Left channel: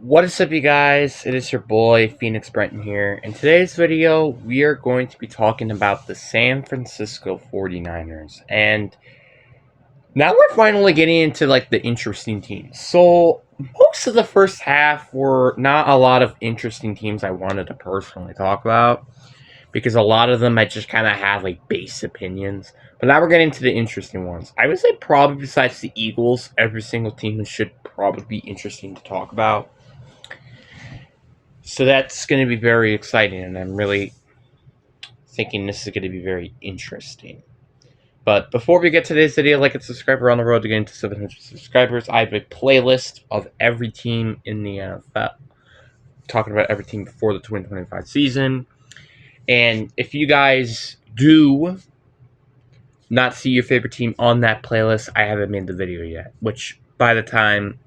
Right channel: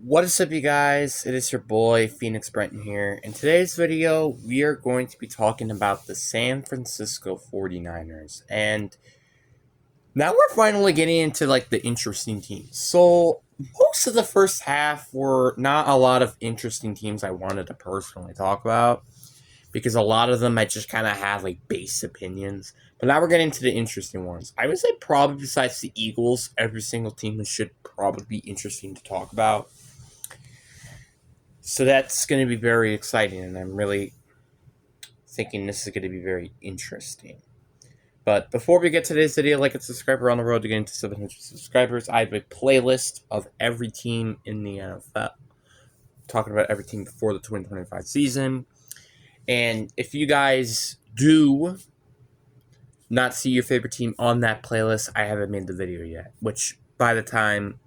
What is up, you guys? It is your boy, Phoenix Brenton here. In today's video, we are going to be talking about the San Francisco 49ers. And now we're finally getting into like the interesting teams. So, most of the first half were not a lot of interesting teams I wanted to personally talk about because a lot of them I just kind of had like base opinions. But now we're getting to the interesting ones. I would say probably besides the Eagles, every single team should probably be interesting to talk about. So that's going to be very exciting, and I'm really thinking this is going to be very interesting. But before we get to today's video, like and subscribe. We're on the road to getting to 700 subscribers. I have a playlist of every team in the NFL, talking about every team before the 2025 season. And if you guys do not see your favorite team on that playlist, I haven't made the video yet, which by the time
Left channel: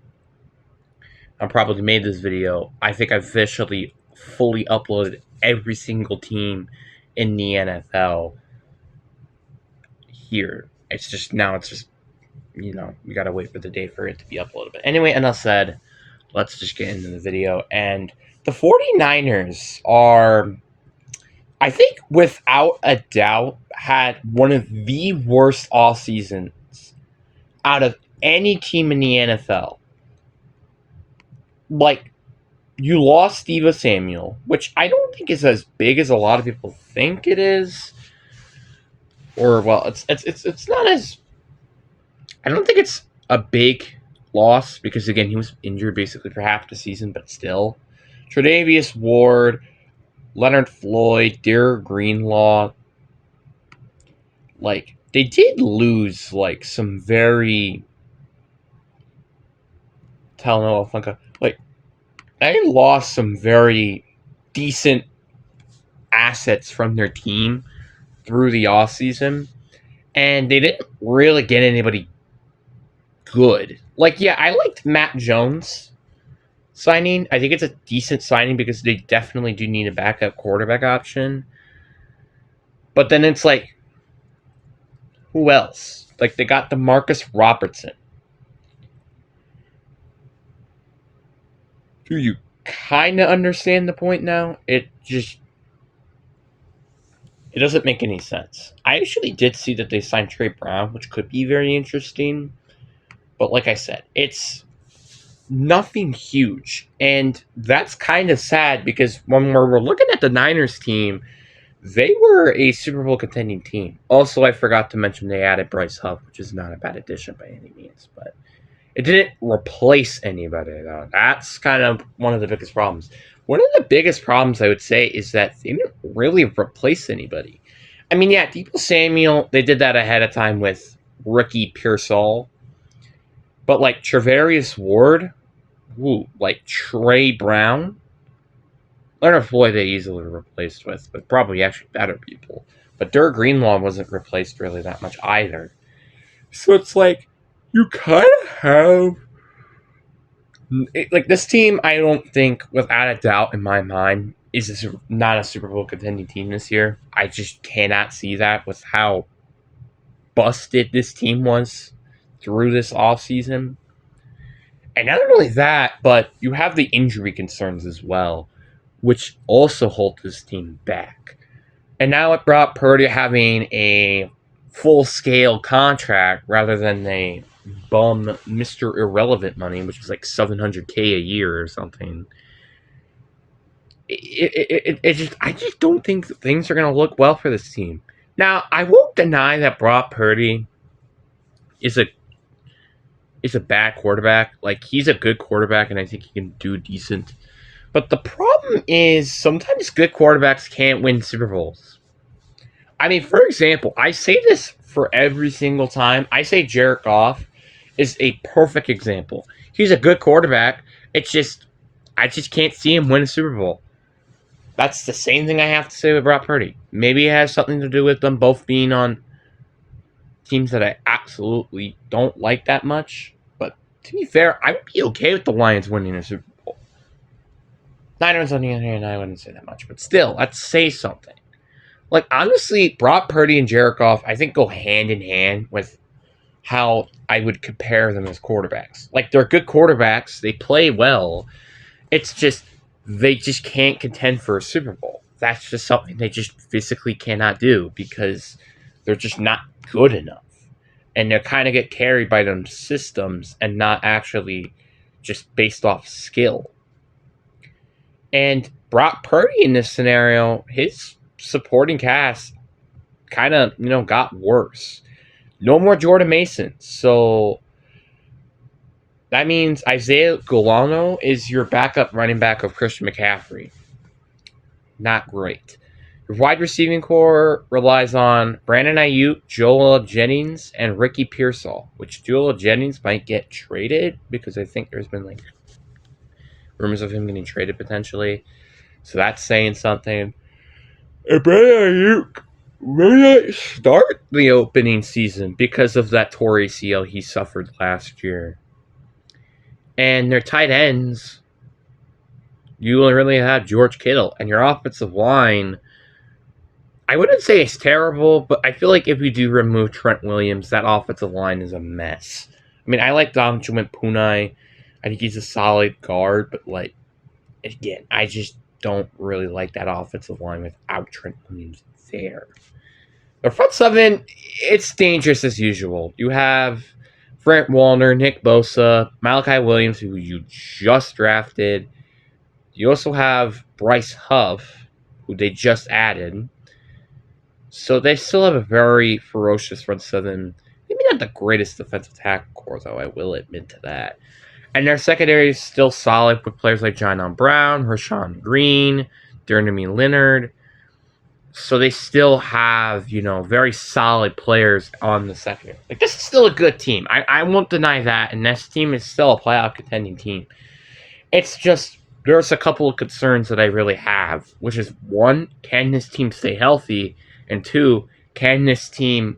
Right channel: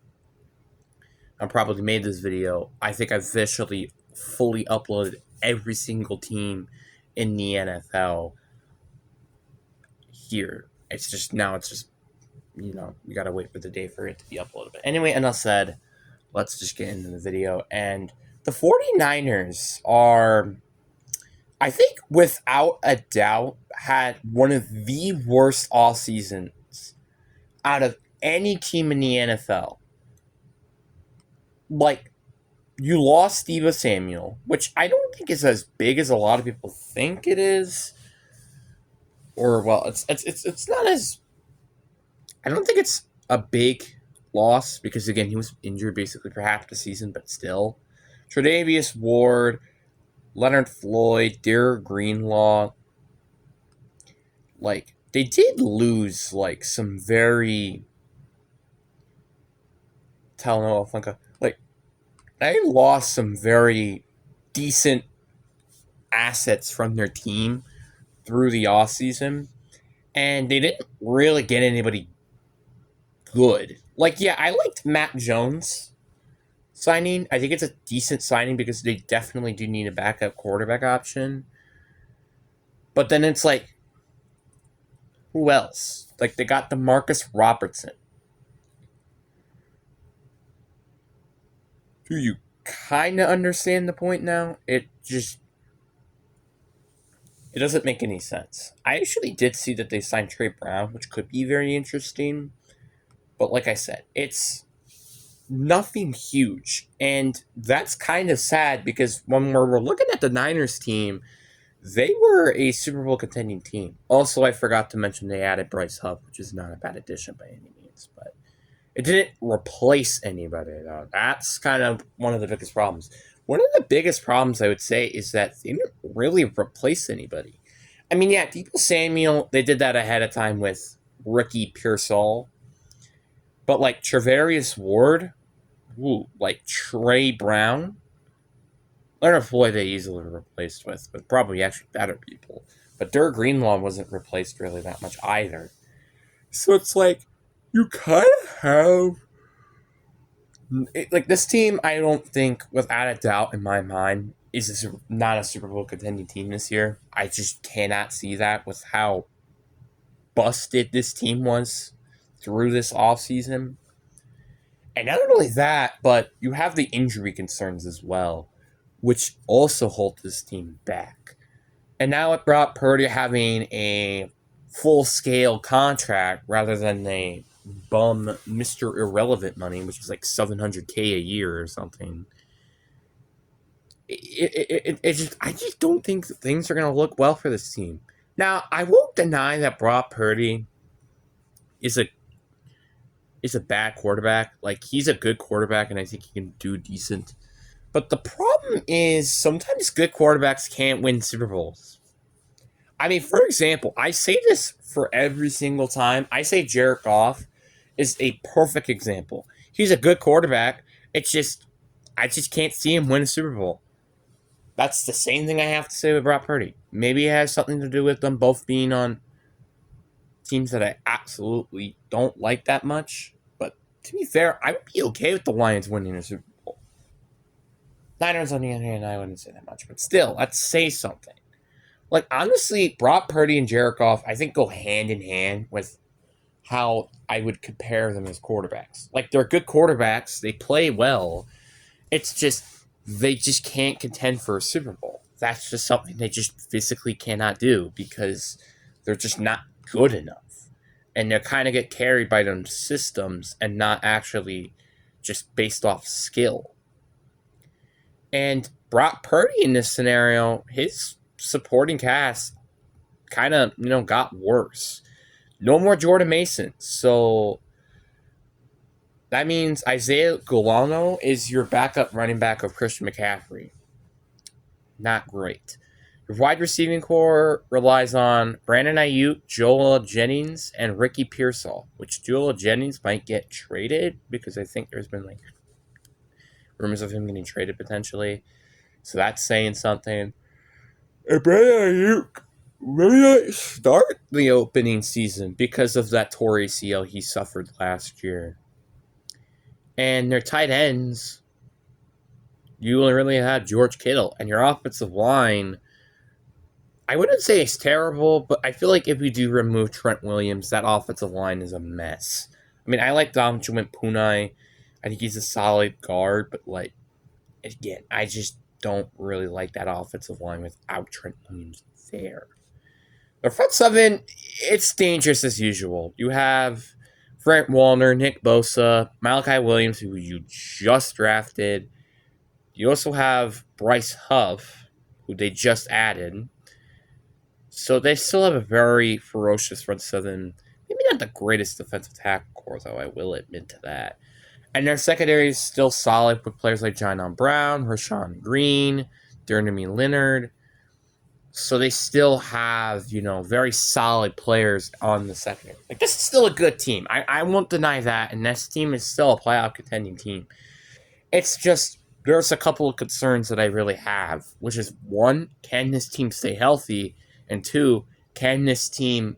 I probably made this video, I think I've officially fully uploaded every single team in the NFL here. It's just we gotta wait for the day for it to be uploaded. But anyway, enough said. Let's just get into the video. And the 49ers are, I think, without a doubt, had one of the worst off seasons out of any team in the NFL. Like, you lost Deebo Samuel, which I don't think is as big as a lot of people think it is. Or well, it's not as, I don't think it's a big loss because again he was injured basically for half the season, but still. Tre'Davious Ward, Leonard Floyd, Derek Greenlaw, like they did lose like some very Talanoa Flanka. Like they lost some very decent assets from their team through the offseason, and they didn't really get anybody good. Like, yeah, I liked Matt Jones signing. I think it's a decent signing because they definitely do need a backup quarterback option. But then it's like, who else? Like, they got Demarcus Robertson. Do you kind of understand the point now? It doesn't make any sense. I actually did see that they signed Trey Brown, which could be very interesting. But like I said, it's nothing huge. And that's kind of sad because when we're looking at the Niners team, they were a Super Bowl contending team. Also, I forgot to mention they added Bryce Huff, which is not a bad addition by any means, but it didn't replace anybody, though. That's kind of one of the biggest problems. One of the biggest problems I would say is that they didn't really replace anybody. I mean, yeah, Deebo Samuel, they did that ahead of time with Ricky Pearsall. But like Travarius Ward, like Trey Brown, Leonard Floyd they easily replaced with, but probably actually better people. But Derek Greenlaw wasn't replaced really that much either. So it's like, you kind of have like this team. I don't think, without a doubt in my mind, is not a Super Bowl contending team this year. I just cannot see that with how busted this team was through this offseason. And not only that, but you have the injury concerns as well, which also hold this team back. And now it brought Purdy having a full-scale contract rather than a bum Mr. Irrelevant money, which is like $700K a year or something. I just don't think things are going to look well for this team. Now, I won't deny that Brock Purdy is a bad quarterback. Like, he's a good quarterback, and I think he can do decent. But the problem is sometimes good quarterbacks can't win Super Bowls. I mean, for example, I say this for every single time. I say Jared Goff is a perfect example. He's a good quarterback. It's just, I just can't see him win a Super Bowl. That's the same thing I have to say with Brock Purdy. Maybe it has something to do with them both being on teams that I absolutely don't like that much. But to be fair, I would be okay with the Lions winning a Super Bowl. Niners, on the other hand, I wouldn't say that much. But still, let's say something. Like, honestly, Brock Purdy and Jared Goff, I think, go hand in hand with how I would compare them as quarterbacks. Like, they're good quarterbacks. They play well. It's just they just can't contend for a Super Bowl. That's just something they just physically cannot do because they're just not good enough. And they kind of get carried by them systems and not actually just based off skill. And Brock Purdy in this scenario, his supporting cast kind of, got worse. No more Jordan Mason. So that means Isaiah Golano is your backup running back of Christian McCaffrey. Not great. Your wide receiving core relies on Brandon Ayuk, Joel Jennings, and Ricky Pearsall, which Joel Jennings might get traded because I think there's been rumors of him getting traded potentially. So that's saying something. And Brandon Ayuk may not start the opening season because of that torn ACL he suffered last year. And their tight ends, you really have George Kittle, and your offensive line, I wouldn't say it's terrible, but I feel like if you do remove Trent Williams, that offensive line is a mess. I mean, I like Dominic Punai. I think he's a solid guard, but again, I just don't really like that offensive line without Trent Williams there. The front seven, it's dangerous as usual. You have Frank Warner, Nick Bosa, Malachi Williams, who you just drafted. You also have Bryce Huff, who they just added. So they still have a very ferocious front seven. Maybe not the greatest defensive tackle core, though, I will admit to that. And their secondary is still solid with players like John Brown, Rashawn Green, Jeremy Leonard. So they still have, very solid players on the secondary. This is still a good team. I won't deny that. And this team is still a playoff contending team. It's just, there's a couple of concerns that I really have, which is, one, can this team stay healthy? And two, can this team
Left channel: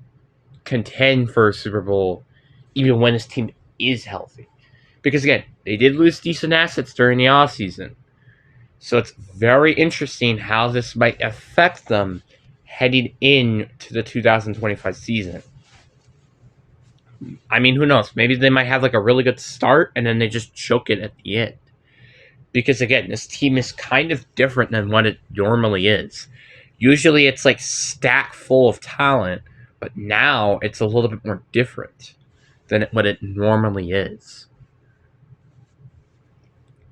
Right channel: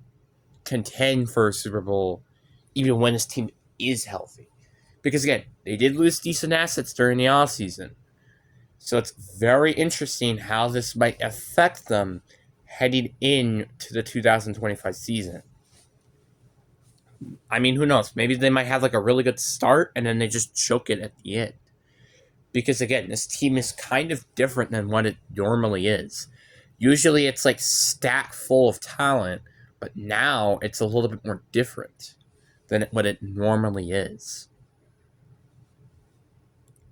contend for a Super Bowl even when this team is healthy? Because, again, they did lose decent assets during the offseason. So it's very interesting how this might affect them heading into the 2025 season. I mean, who knows? Maybe they might have a really good start and then they just choke it at the end. Because, again, this team is kind of different than what it normally is. Usually it's stacked full of talent, but now it's a little bit more different than what it normally is.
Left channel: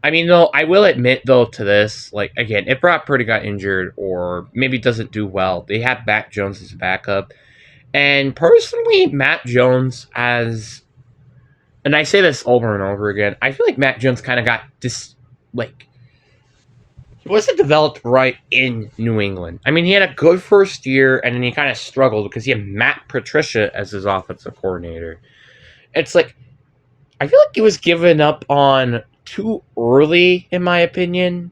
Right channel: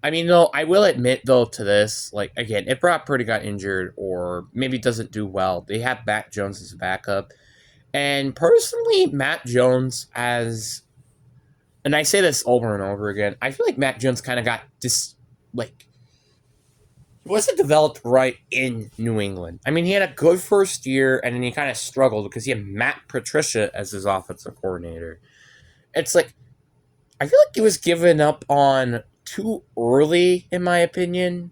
I mean, though, I will admit, though, to this, again, if Brock Purdy got injured or maybe doesn't do well, they have Mac Jones as a backup. And personally, Mac Jones and I say this over and over again, I feel like Mac Jones kind of got he wasn't developed right in New England. I mean, he had a good first year, and then he kind of struggled because he had Matt Patricia as his offensive coordinator. It's I feel like he was given up on too early, in my opinion,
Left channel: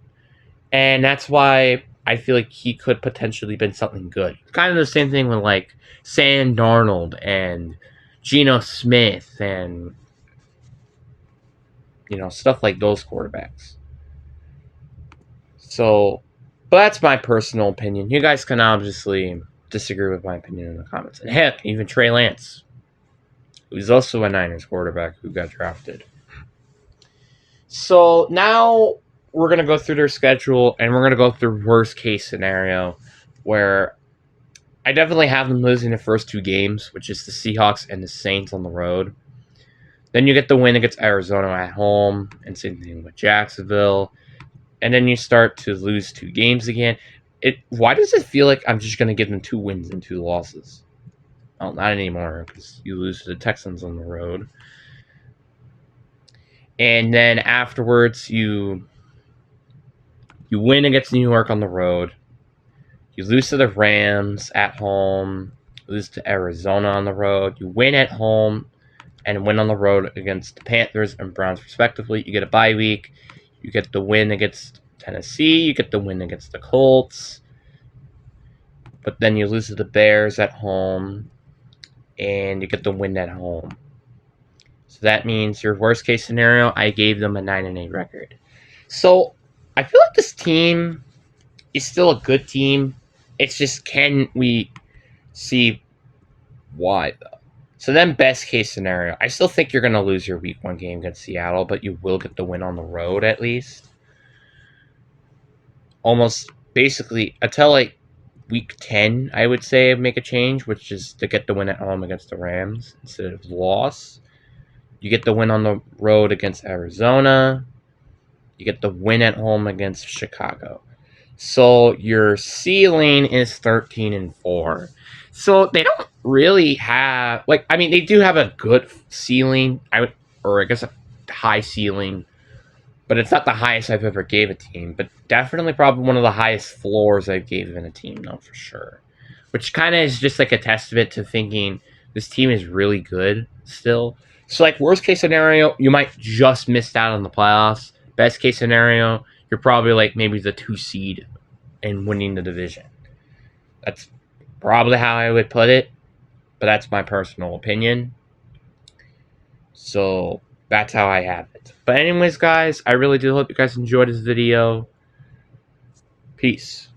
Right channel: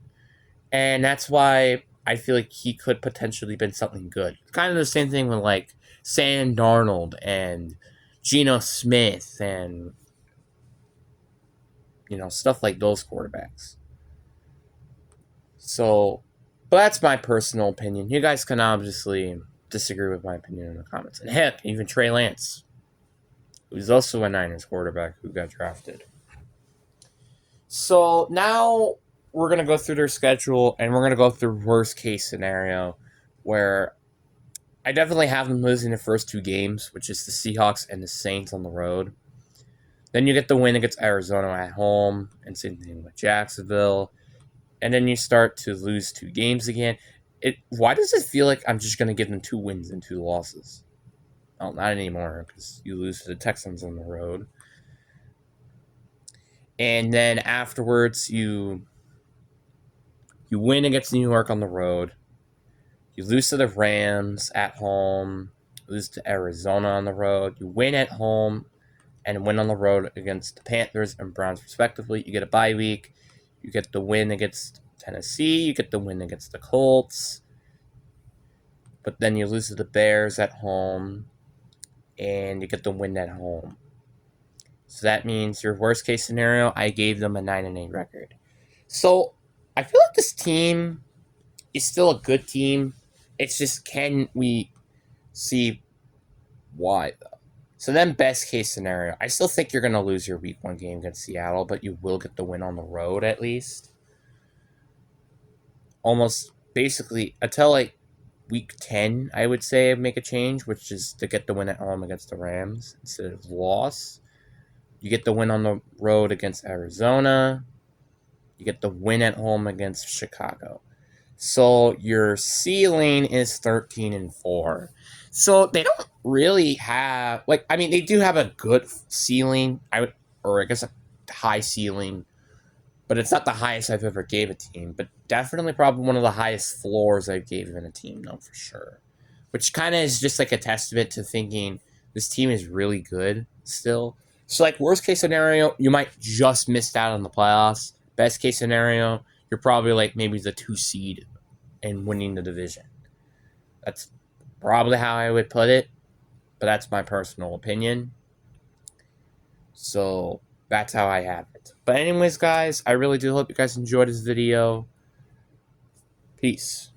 and that's why I feel like he could potentially been something good. Kind of the same thing with Sam Darnold and Geno Smith and stuff like those quarterbacks. So, but that's my personal opinion. You guys can obviously disagree with my opinion in the comments. And heck, even Trey Lance, who's also a Niners quarterback who got drafted. So now we're going to go through their schedule and we're going to go through worst case scenario where I definitely have them losing the first two games, which is the Seahawks and the Saints on the road. Then you get the win against Arizona at home and same thing with Jacksonville. And then you start to lose two games again. Why does it feel like I'm just going to give them 2 wins and 2 losses? Well, not anymore because you lose to the Texans on the road. And then afterwards, you win against New York on the road. You lose to the Rams at home. You lose to Arizona on the road. You win at home and win on the road against the Panthers and Browns respectively. You get a bye week. You get the win against Tennessee. You get the win against the Colts. But then you lose to the Bears at home. And you get the win at home. So that means your worst case scenario, I gave them a 9-8 record. So I feel like this team is still a good team. It's just, can we see why, though? So then best case scenario, I still think you're going to lose your week 1 game against Seattle, but you will get the win on the road at least. almost basically until like week 10, I would say make a change, which is to get the win at home against the Rams instead of loss. You get the win on the road against Arizona. You get the win at home against Chicago. So your ceiling is 13-4. So they don't really have like I mean they do have a good ceiling, or I guess a high ceiling, but it's not the highest I've ever gave a team, but definitely probably one of the highest floors I've given a team, though, for sure. Which kind of is just like a testament to thinking this team is really good still. So, like, worst case scenario, you might just miss out on the playoffs. Best case scenario, you're probably like maybe the 2 seed and winning the division. That's probably how I would put it, but that's my personal opinion. So that's how I have it. But anyways, guys, I really do hope you guys enjoyed this video. Peace.